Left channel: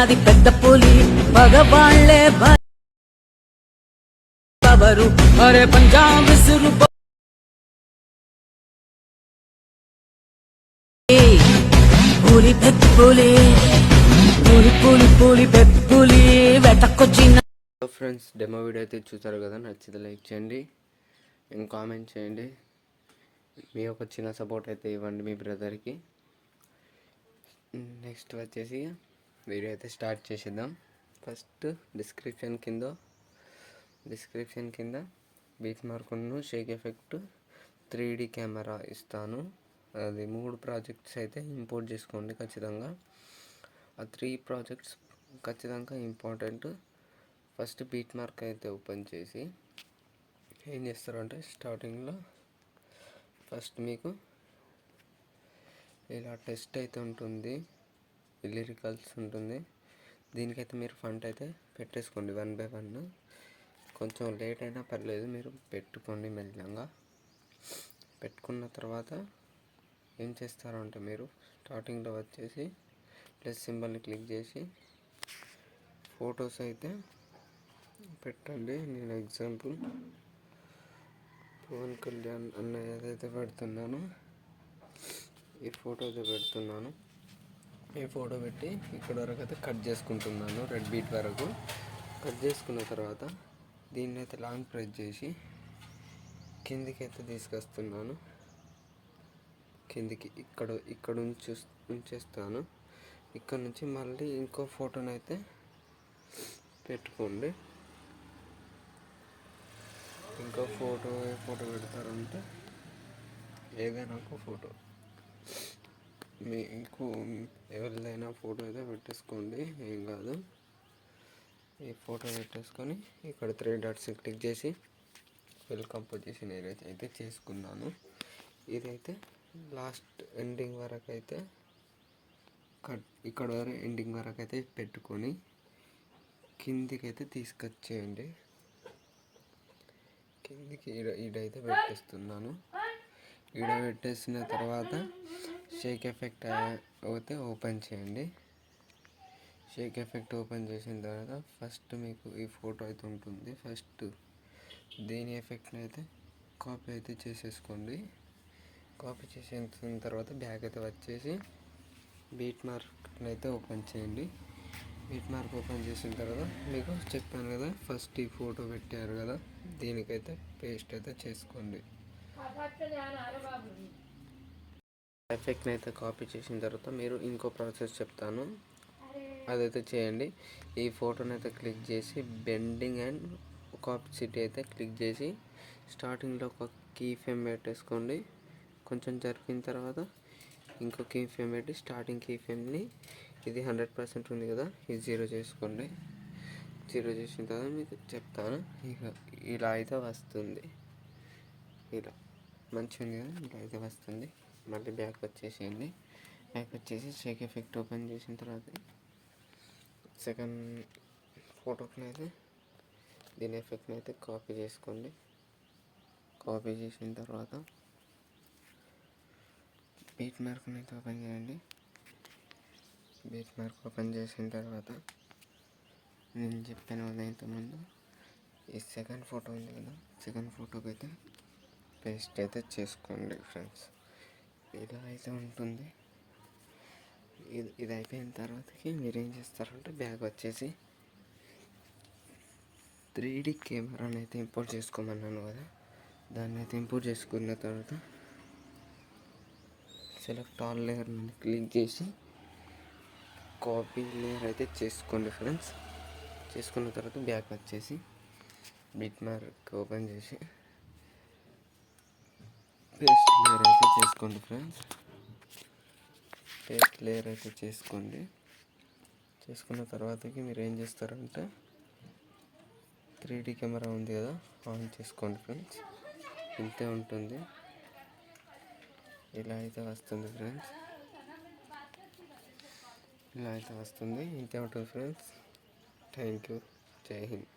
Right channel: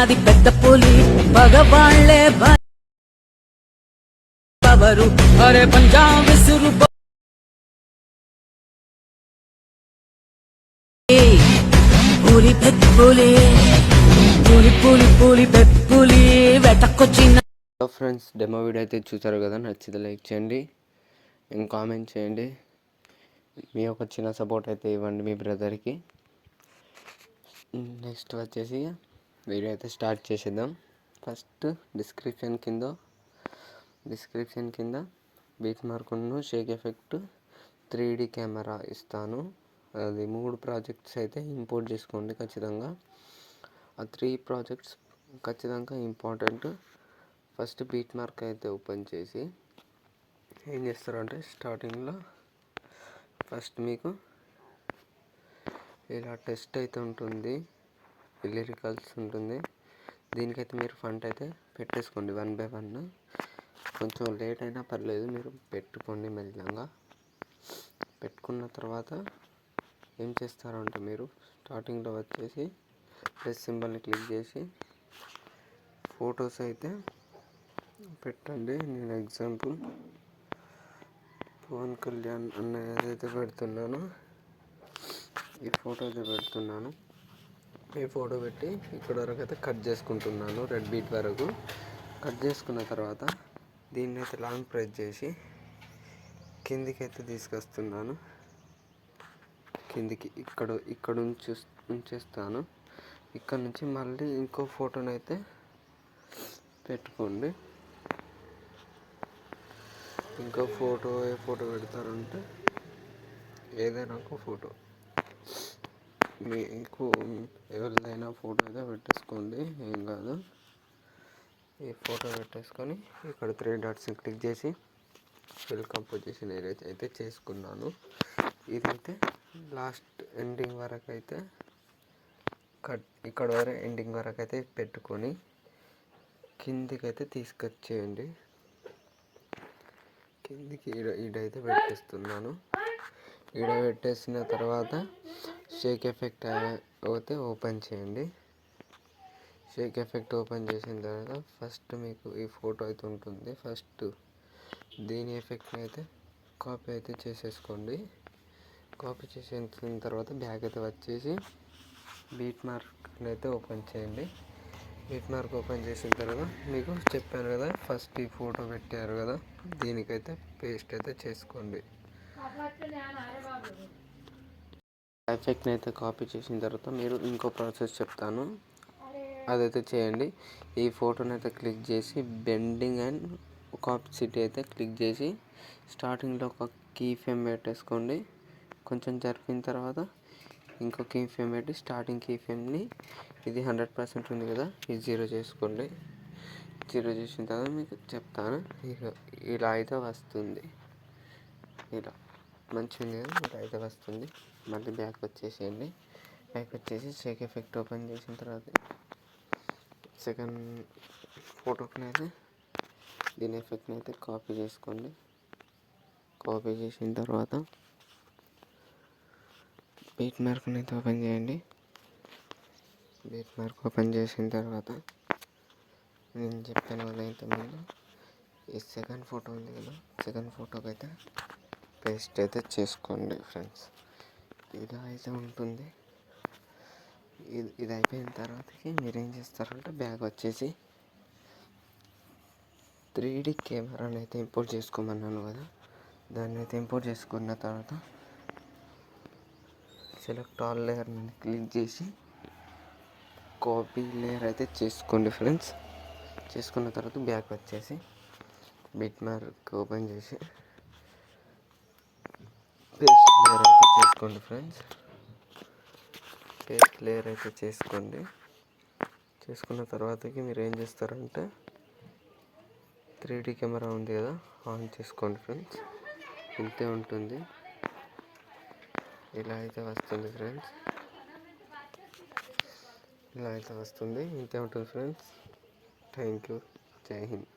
అది పెద్ద పులి పగవాళ్లే బవరు అరే పంజాబ్ విసురు పులి పెద్ద పులి పులి పులి పులి పెద్ద పులి వెతకొచ్చిన. హలో ఫ్రెండ్స్, డెమో వీడియో అయితే చూసారు కదా, నచ్చితే లైక్ చేయండి, కామెంట్ చేయండి, మీ ఒక చిన్న సపోర్ట్ అయితే ఇవ్వండి మీ బ్రదర్కి. నెక్స్ట్ వచ్చేసి వీడియో అయితే స్టార్ట్ చేసేద్దాం. ఫస్ట్ డిస్క్రిప్షన్ కింద బీట్ మార్కును షేక్ ఎఫెక్ట్ 3D కెమెరా ఇస్తాను. అది 3 ప్రాజెక్ట్స్ అయితే ఇంపోర్ట్ చేసుకోండి ఖచ్చితంగా. ఆ 3 ప్రాజెక్ట్స్ ఖచ్చితంగా ఇంపార్టెంట్. ఫస్ట్ బీట్ మార్క్ అయితే ఓపెన్ చేసి ఏం చేస్తారంటే, స్టార్టింగ్లో ఫస్ట్ మీకు ఇలా టెస్ట్ అయితే ఉంటుంది, లిరికల్స్ ఉంటుంది. దీనికైతే మీరు ఫంట్ అయితే పెట్టేసుకోండి 1 by 1. కొంచెం లేట్ అయినా పర్లేదు, మీరు పెట్టుకోండి మెల్లగా. పెట్టుకున్న తర్వాత ఏం చేస్తారంటే, మీరు స్టార్టింగ్లో వచ్చేసి ప్లస్ సింబల్ని క్లిక్ చేసి ఫొటోస్ అయితే పెట్టండి. నేను ఎగ్జాంపుల్ పవన్ కళ్యాణ్ అన్న ఏదైతే పెడుతున్నానో ఈ ఫోటో అయితే పెడుతున్నాను. ఈ ఫోటో పెట్టి ఇక్కడ వరకు అయితే కట్ చేసుకుంటున్నాను, రెడ్ బీట్ వరకు. కట్ చేసుకున్న తర్వాత దీన్ని అయితే లాంగ్ ప్రెస్ చేసి కిందికి అయితే తీసుకొస్తున్నాను. కిందికి ఇక్కడ ఉంచేస్తాను. ఇక్కడ నుంచి మళ్ళీ ఇంకో ఫోటోని అయితే పెట్టుకోండి. ఇంకో ఫోటో ఏ ఫోటో పెడతారంటే, ఏదైనా ఒక ఫోటో మీకు ఎవరిదైనా ఫోటో అయితే పెట్టేసుకోండి, ఏం కాదు. ఈ ఫోటో పెట్టేసుకొని ఇక్కడ 3 డాట్స్ని క్లిక్ చేసి ఫిల్ కంపోజిషన్ ఏరియా అయితే చేసుకున్నాను. ఇదైతే లాస్ట్ ఎండింగ్ వరకు అయితే ఇక్కడ వరకు ఎండింగ్ వరకు అయితే పెట్టుకొని కిందికి అయితే తీసుకొచ్చేయండి. కిందికి ఈడైతే పెట్టేస్తున్నాను. ఈడ పెట్టేసిన తర్వాత షేక్ ఎఫెక్ట్ అయితే ఓపెన్ చేయండి. షేక్ ఎఫెక్ట్ ఓపెన్ చేసిన తర్వాత ఫస్ట్ మీకు ఈ ఫోటో అయితే ఉంటుంది. ఫస్ట్ దీని ఎఫెక్ట్ని అయితే కాపీ అయితే చేసేసుకోండి. కాపీ చేసిన తర్వాత బ్యాక్ అయితే వచ్చేసి బీట్ మార్క్ని అయితే ఓపెన్ చేయండి. బీట్ మార్క్ ఓపెన్ చేసిన తర్వాత మీకు చెప్పాను కదా, ఫస్ట్ ఈ ఫోటో పెట్టారు కదా, దీనికైతే పేస్ట్ అయితే చేసుకోండి. ఎఫెక్ట్ని అయితే కాపీ చేసిన తర్వాత మీరు ఇంకో ప్రాసెస్ చెప్తాను, అదైతే చేయండి. ఈ ఫోటోని అయితే క్లిక్ చేసి బెండింగ్ అండ్ ఆపోజిట్ అయితే క్లిక్ చేసి స్టార్టింగ్లో ఒక కీ ఫ్రేమ్ పెట్టేసుకోండి. కొంచెం జరిపిన తర్వాత ఇంకో కీ ఫ్రేమ్ పెట్టి స్టార్టింగ్ కీ ఫ్రేమ్ని ఇది 100% ఉంది కదా, ఇది 0 చేసుకోండి. 0 చేసిన తర్వాత మీకు చెప్తాను. ఇలా అయితే వస్తుంది. ఇలా మంచిగా ఉంది కదా, ఇలా అయితే వస్తుంది. మళ్ళీ బ్యాక్ వచ్చేసేయండి. బ్యాక్ వచ్చేసి షేక్ ఎఫెక్ట్ ఓపెన్ చేసిన తర్వాత సెకండ్ ఫోటోకి అయితే దీని ఎఫెక్ట్ని అయితే కాపీ చేసుకోండి. కాపీ చేసిన తర్వాత బీట్ మార్క్ని అయితే ఓపెన్ చేయండి. బీట్ మార్క్ ఓపెన్ చేసిన తర్వాత నేను చెప్పాను కదా ఇంతకుముందు, ఈ సెకండ్ ఫోటో ఉంది కదా, సెకండ్ ఫోటోకి అయితే పేస్ట్ అయితే చేసుకోండి ఫ్రెండ్స్. ఇలా అయితే ఉంటుంది. ఇది అయిపోయిన తర్వాతకి మీరు ఏం చేస్తారంటే, బ్యాగ్ వచ్చేసి 3D కెమెరాని అయితే ఇంపోర్ట్ చేసుకోమన్నాను కదా, దాన్ని అయితే ఇంపోర్ట్ చేసుకున్న తర్వాత సెలెక్ట్ ఆల్ లేయర్ మీద క్లిక్ చేసి కాపీ లేయర్ అయితే చేసుకోండి ఫ్రెండ్స్. చేసుకున్న తర్వాత బ్యాక్ వచ్చేసి బిట్ మార్క్ ఓపెన్ చేసి పేస్ట్ లేయర్ అయితే చేసుకోండి ఫ్రెండ్స్. పేస్ట్ లేయర్ అయితే చేసుకోండి. చేసుకున్న తర్వాతకి మీరు ఏం చేస్తారంటే, 3D కెమెరా ఉంది కదా, ఆన్ చేసుకోండి ఫ్రెండ్స్. ఇంతే ఉంటుంది. ఇలా అయితే వస్తుంది ఫ్రెండ్స్. ఇలా అయితే వస్తుంది. ఇంతే ఉంటుంది ఫ్రెండ్స్. Thank you. జై హింద్.